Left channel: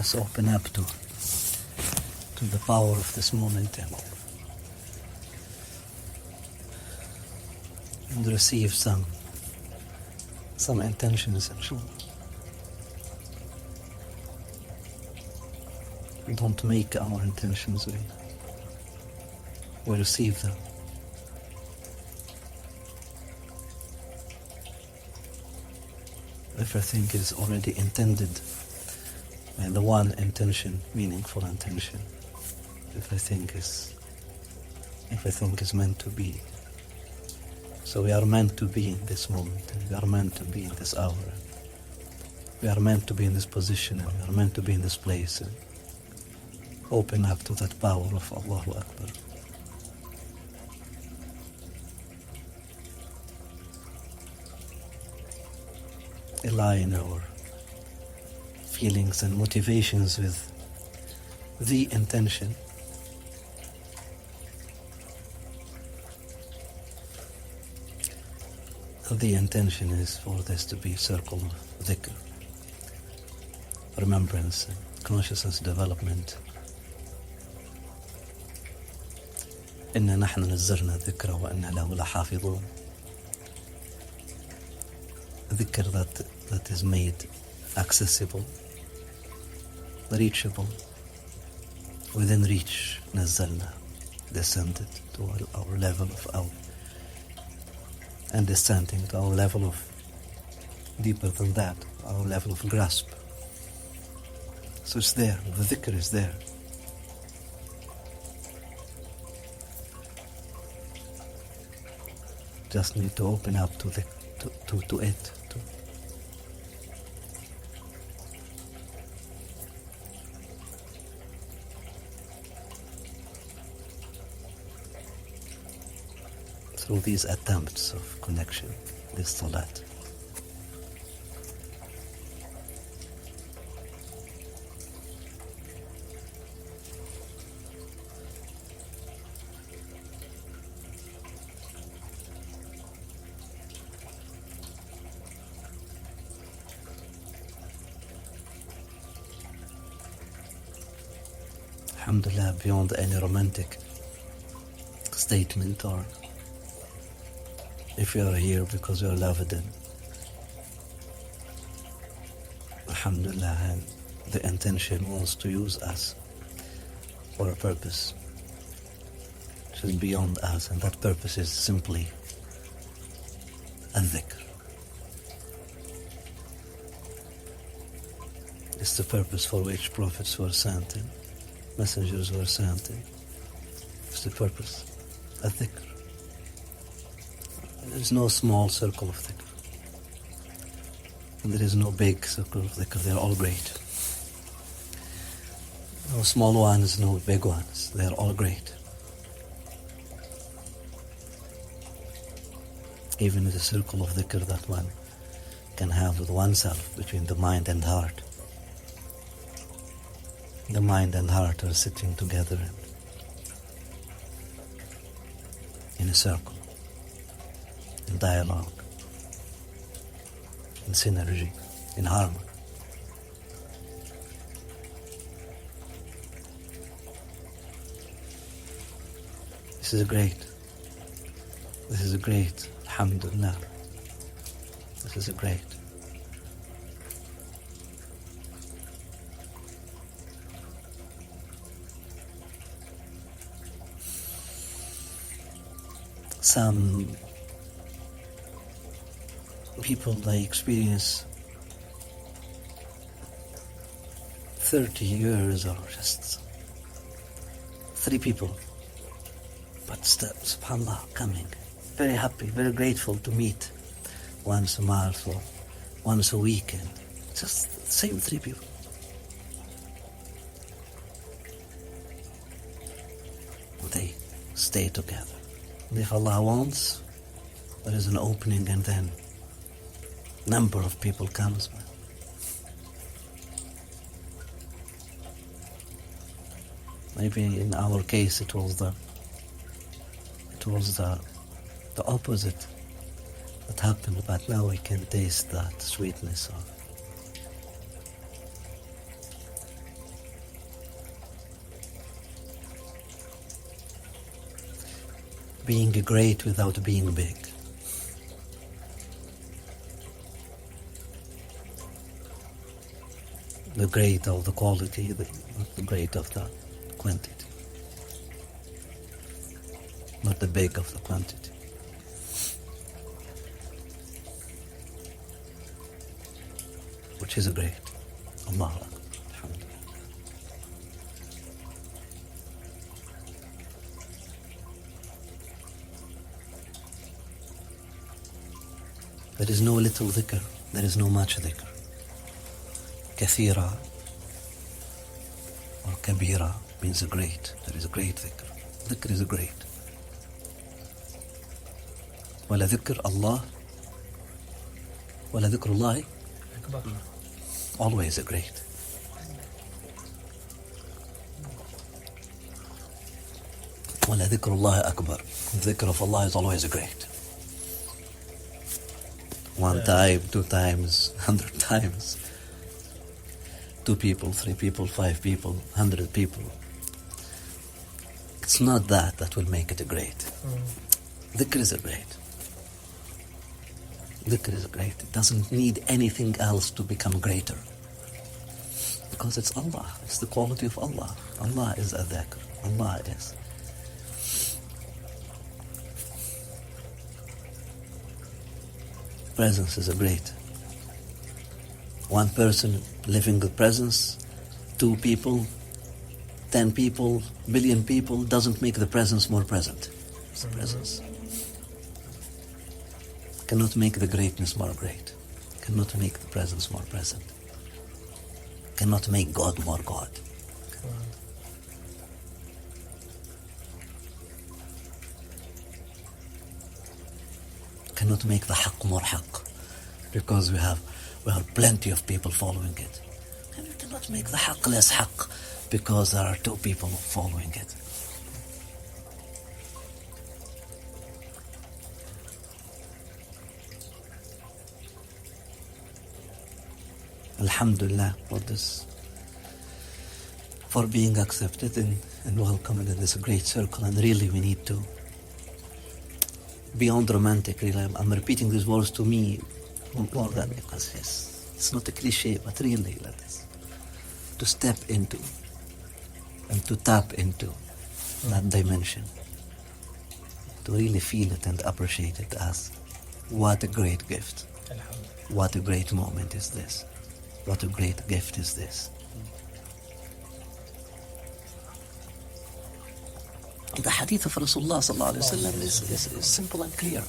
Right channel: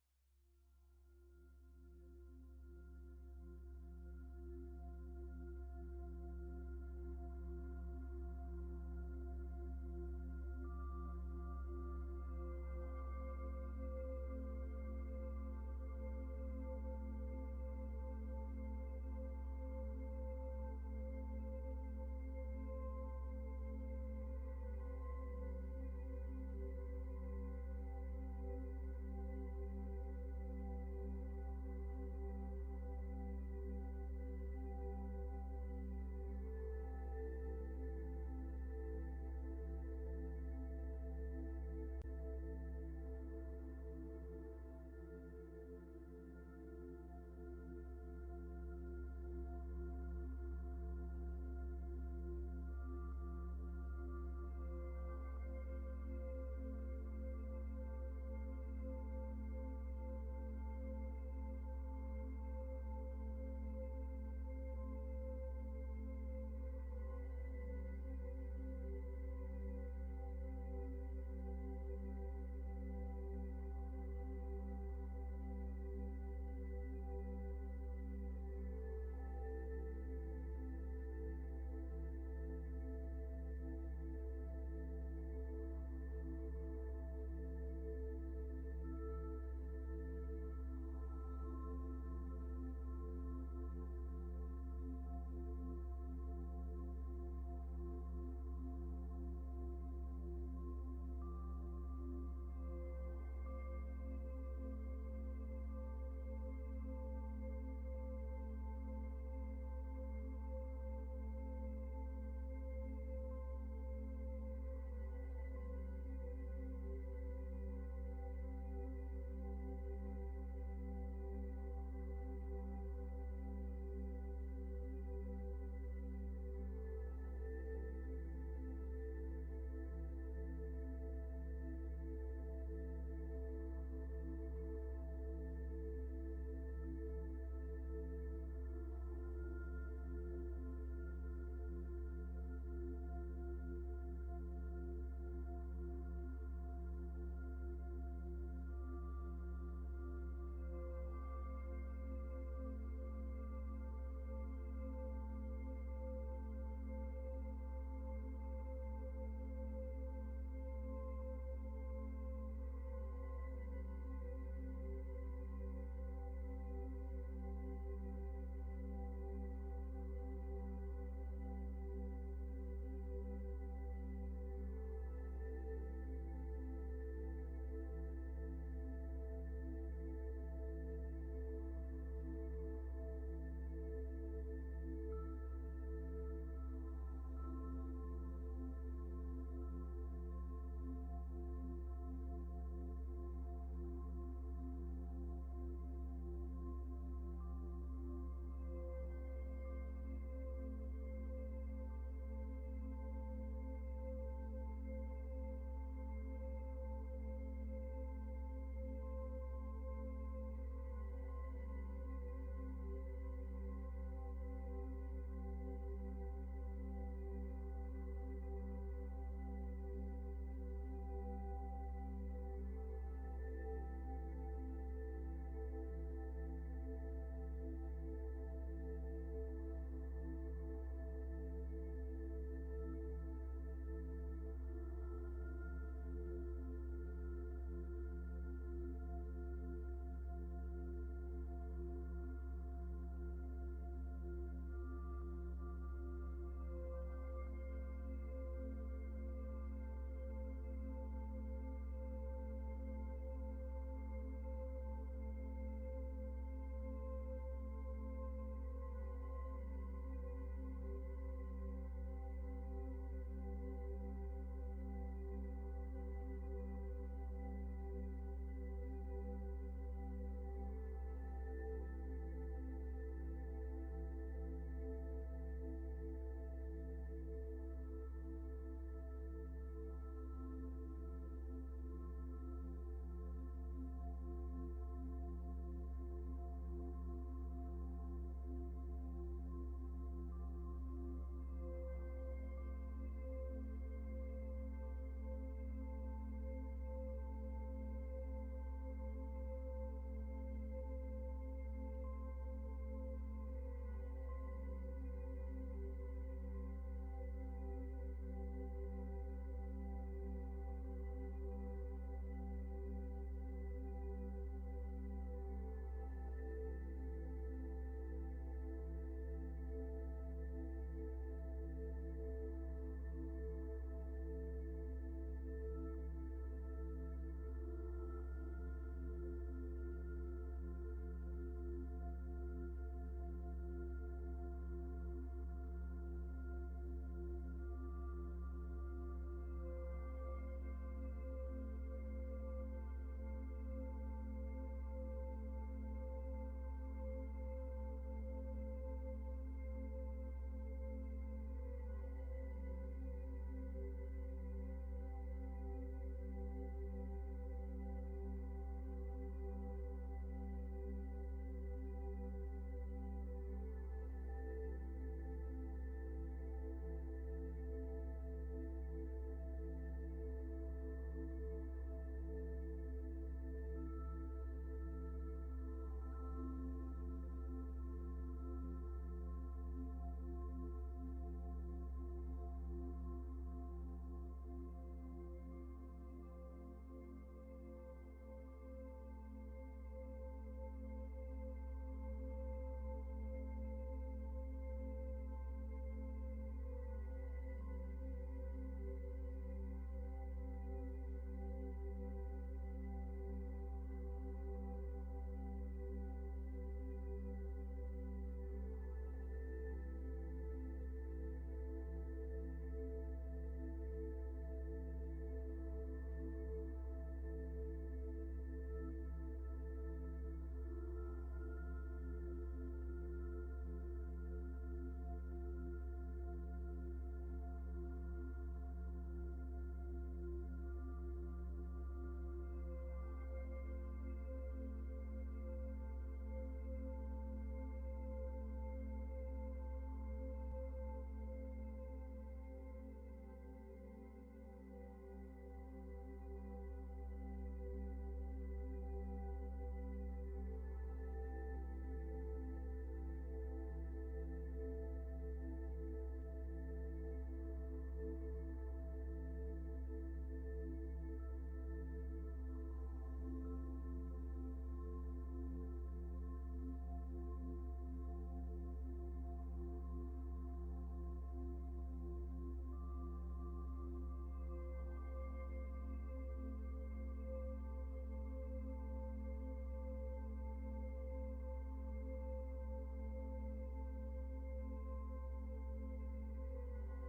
us open up to the power of this moment and receive some intentions, inshallah. Don't make our intentions, we receive them. Everything is already intended, and the one intention, meaningful intention. Everything is meant to be. So we are meant to be in this moment, and we are meant to be in this hour. We are meant to be in this position, and we are meant to be in this place. And open up to that power of Allahu Akbar. Align our feelings and motivations with the intention. The intention is for this to be a circle of dhikr, remembrance, and consciousness development. إنا نحن نزلنا الذكر وإنا له لحافظون. Dhikr that is made accessible, reachable, within reach. نزلنا, descended to our level of and descending to our level of deeper than that, our level of grasp. So it's there, the dhikr is there. Just need to open up to it. Through these attempts of connection, this salat. Alhamdulillah, beyond any romantic statement, or if you are here because you are loved, and alhamdulillah, and the intention was to use us for a purpose which is beyond us, and that purpose is simply adh-Dhikr. It's the purpose for which prophets were sent and messengers were sent. It's the purpose, adh-Dhikr. There is no small circle of dhikr, and there is no big circle of dhikr. They are all great. No small ones, no big ones. They are all great. Even the circle of dhikr that one can have with oneself, between the mind and heart. The mind and heart are sitting together in a circle, in dialogue, in synergy, in harmony. This is a great, alhamdulillah. This is a great. Some people, they experience 30 years or just 3 people, but still, subhanAllah, coming, very happy, very grateful to meet once a month or once a week, and just the same 3 people. They stay together. And if Allah wants, there is an opening, and then number of people comes. Maybe in our case it was the opposite that happened, but now we can taste that sweetness being great without being big. The great of the quality, the great of the quantity, not the big of the quantity. Which is great. Allah Akbar. There is no little dhikr, there is no much dhikr. Kathira or kabira means a great. There is a great dhikr. Dhikr is a great. Wala dhikr Allah, wala dhikr Allah, always a great. Wala dhikr Allah akbar. Dhikr of Allah is always a great. One time, 2 times, 100 times. 2 people, 3 people, 5 people, 100 people. It's not that will make it a great. Dhikr is a great. Dhikr is great. It doesn't need anything else to become greater. Because it's Allah. It's the quality of Allah. Allah is adh-Dhikr. Allah is. Presence is a great. 1 person living with presence, 2 people, 10 people, billion people, doesn't make the presence more present. It's the presence. Cannot make the greatness more great. Cannot make the presence more present. Cannot make God more God. Cannot make the haqq more haqq, because we have plenty of people following it. And we cannot make the haqq less haqq, because there are 2 people following it. Alhamdulillah for this, for being accepted and welcomed in this great circle. And really we need to, beyond romantic, really, I'm repeating these words to me more than, because yes, it's not a cliche, but really let us to step into and to tap into that dimension, to really feel it and appreciate it as what a great gift, what a great moment is this, what a great gift is this. The hadith of Rasulullah sallallahu alaihi wasallam is simple and clear.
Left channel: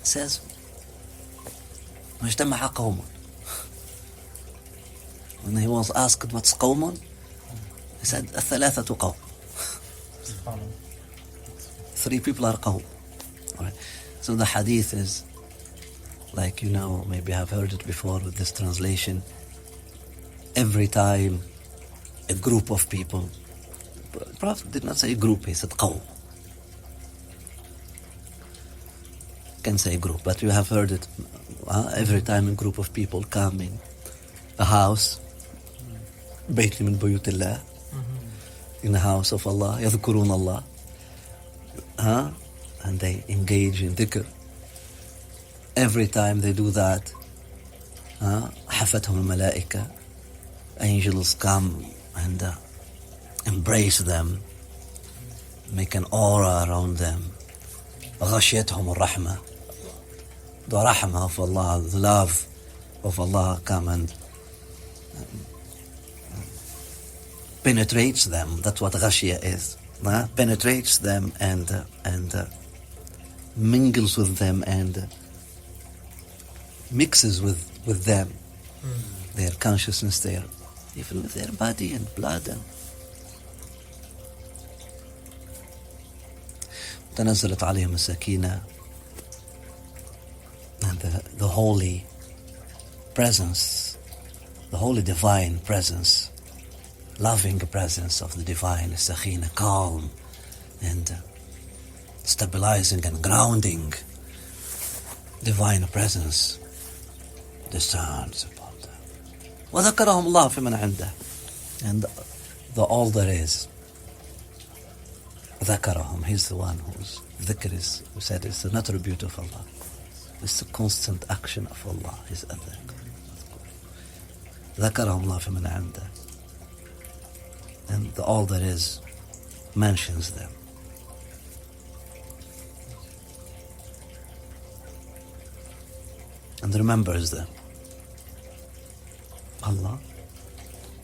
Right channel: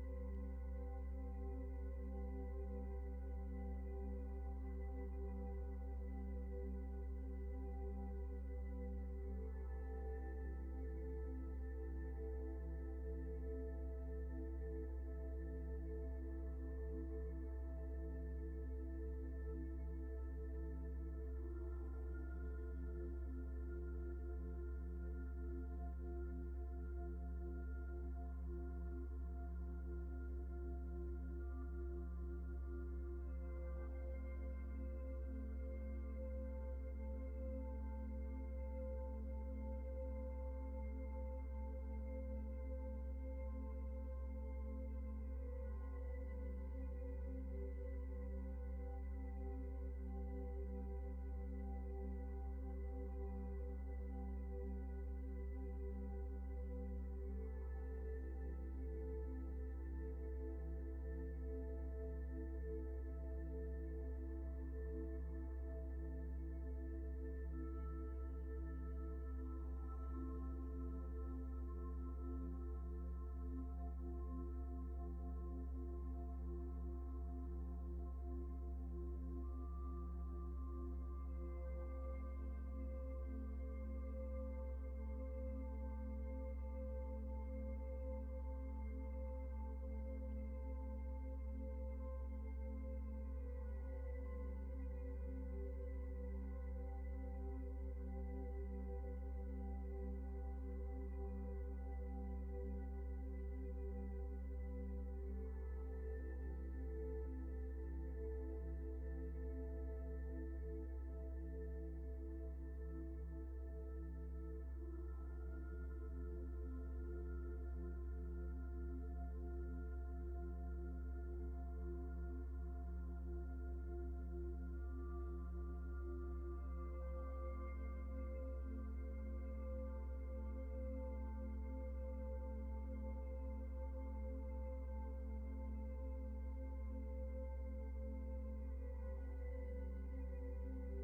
It says, مجتمع قوم. When he was asked what's قوم, he said الثلاثة قوم. 3 people are قوم. Right. So the hadith is like, maybe I've heard it before with this translation. Every time a group of people, Prophet did not say group, he said qawm. Can say group, but you have heard it. Every time a group of people come in a house, بيت من بيوت الله, in the house of Allah, يذكرون Allah, and they engage in dhikr. Every time they do that, حفتهم الملائكة, angels come and embrace them, make an aura around them. غشيتهم الرحمة, the rahmah of Allah, the love of Allah come and penetrates them. That's what غشية is. Penetrates them and mingles with them and mixes with them, their consciousness there, even with their body and blood. And تنزلت عليهم السكينة, and the holy presence, the holy divine presence, loving presence of the divine sakina, calm and stabilizing and grounding divine presence descends upon them. وذكرهم الله في من عنده, and the all there is ذكرهم. He's the one whose dhikr is, who said it's an attribute of Allah. It's the constant action of Allah, is adh-Dhikr. ذكرهم الله فمن عنده. And all that is mentions them. And remembers them. Allah.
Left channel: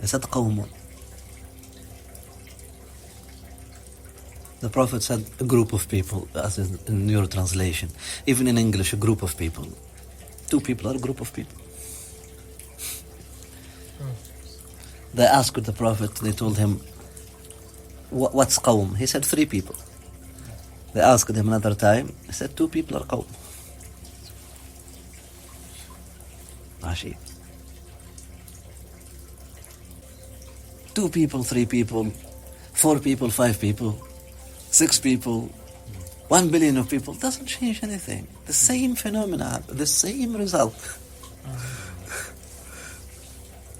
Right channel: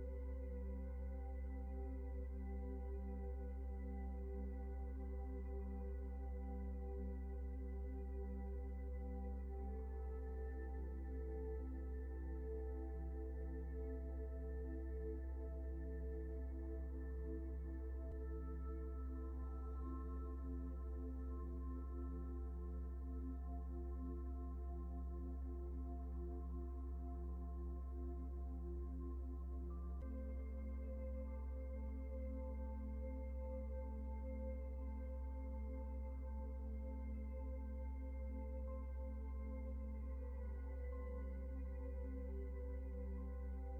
He said قوم. The Prophet said a group of people, as in your translation. Even in English, a group of people. Two people are a group of people. They asked the Prophet, they told him, what's qawm? He said 3 people. They asked him another time, he said 2 people are qawm. Rashid. 2 people, 3 people, 4 people, 5 people, 6 people, 1 billion of people, doesn't change anything. The same phenomena, the same result.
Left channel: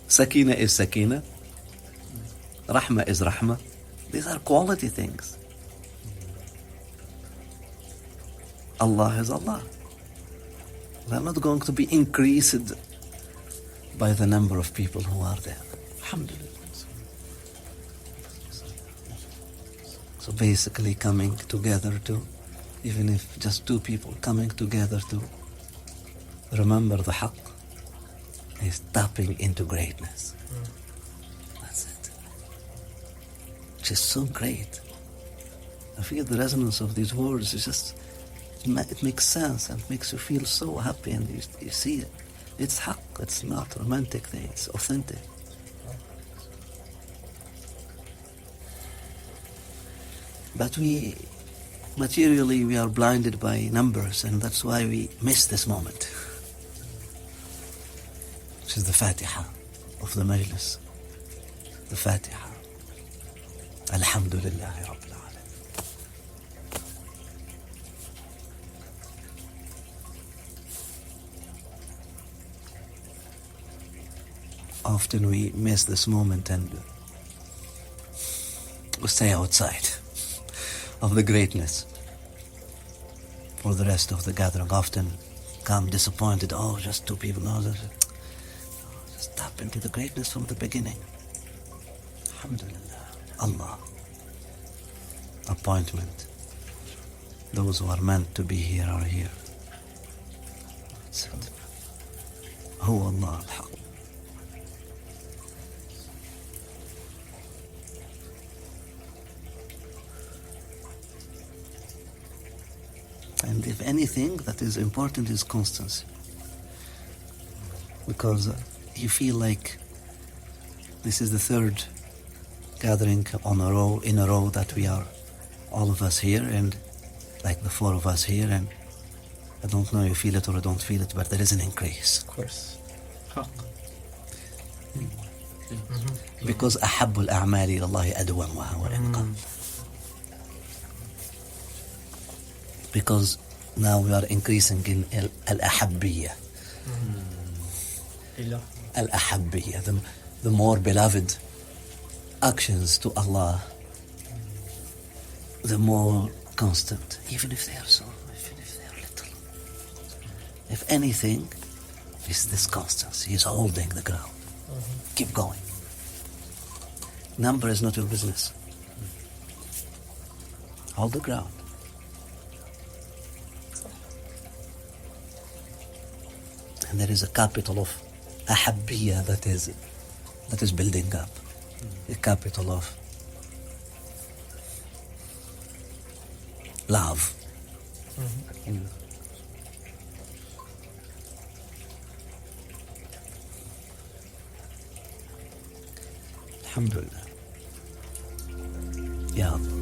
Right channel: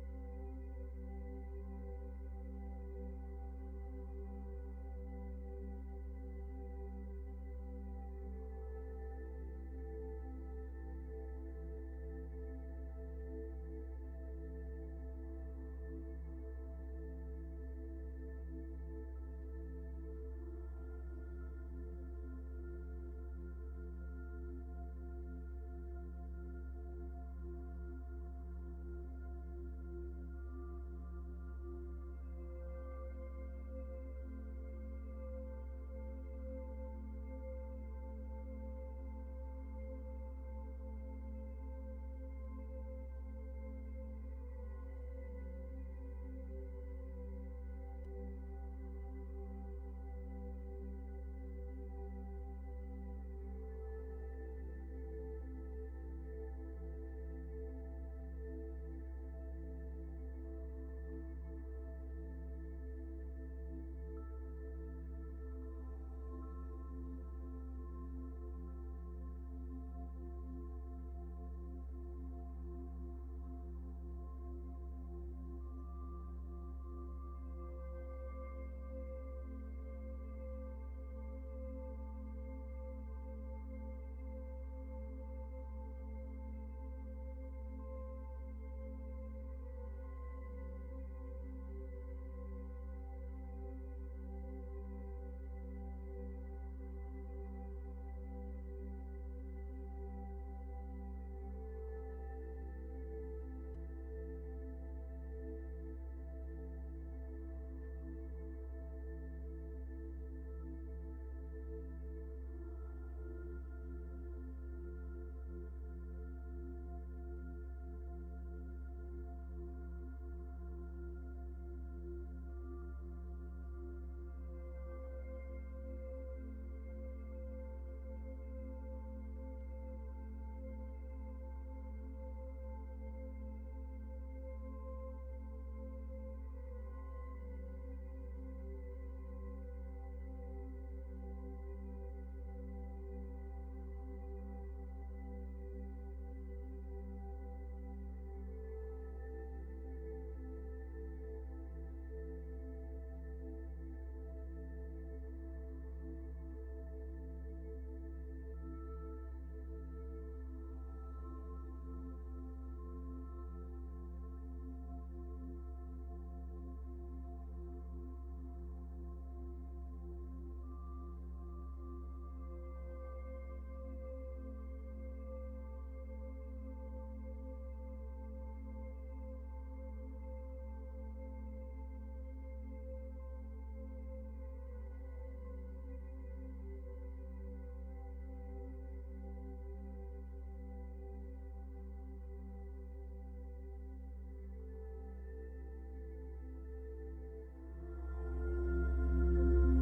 Sakina is sakina. Rahma is rahma. These are quality things. Allah is Allah. They're not going to be increased by the number of people who are there. Alhamdulillah. So basically coming together to, even if just 2 people coming together to remember the haqq, is tapping into greatness. That's it. Which is so great. I feel the resonance of these words is just, it makes sense and makes you feel so happy, and you see it. It's haqq, it's not romantic thing, it's authentic. But materially we are blinded by numbers, and that's why we miss this moment. Which is the Fatiha of the Majlis. The Fatiha. Alhamdulillahi Rabbil Alameen. Often we miss this moment and we stay outside of the greatness for the rest of the gathering. Often come disappointed, oh, just 2 people. No, just tap into the greatness from the beginning. Alhamdulillah. Allah. Appointment. Those who are meant to be here are here. That's it. Hu Allah al-Haq. And if anything that is important is constancy. Because you feel like this is the 3rd gathering in a row that we are, all of us here, and like the 4 of us here, and I don't know if you feel it or I don't feel it, but there is an increase. Of course. Because أحب الأعمال إلى الله أدومها وإن قل. Because now we are increasing in al-ahabbiyya. Al-ahabbiyya, the more beloved actions to Allah, the more constant, even if they are little. If anything, it's this constancy. He's holding the ground. Keep going. Number is not your business. Hold the ground. And there is a capital of ahabbiyya that is building up. A capital of love. Alhamdulillah. Ya Allah.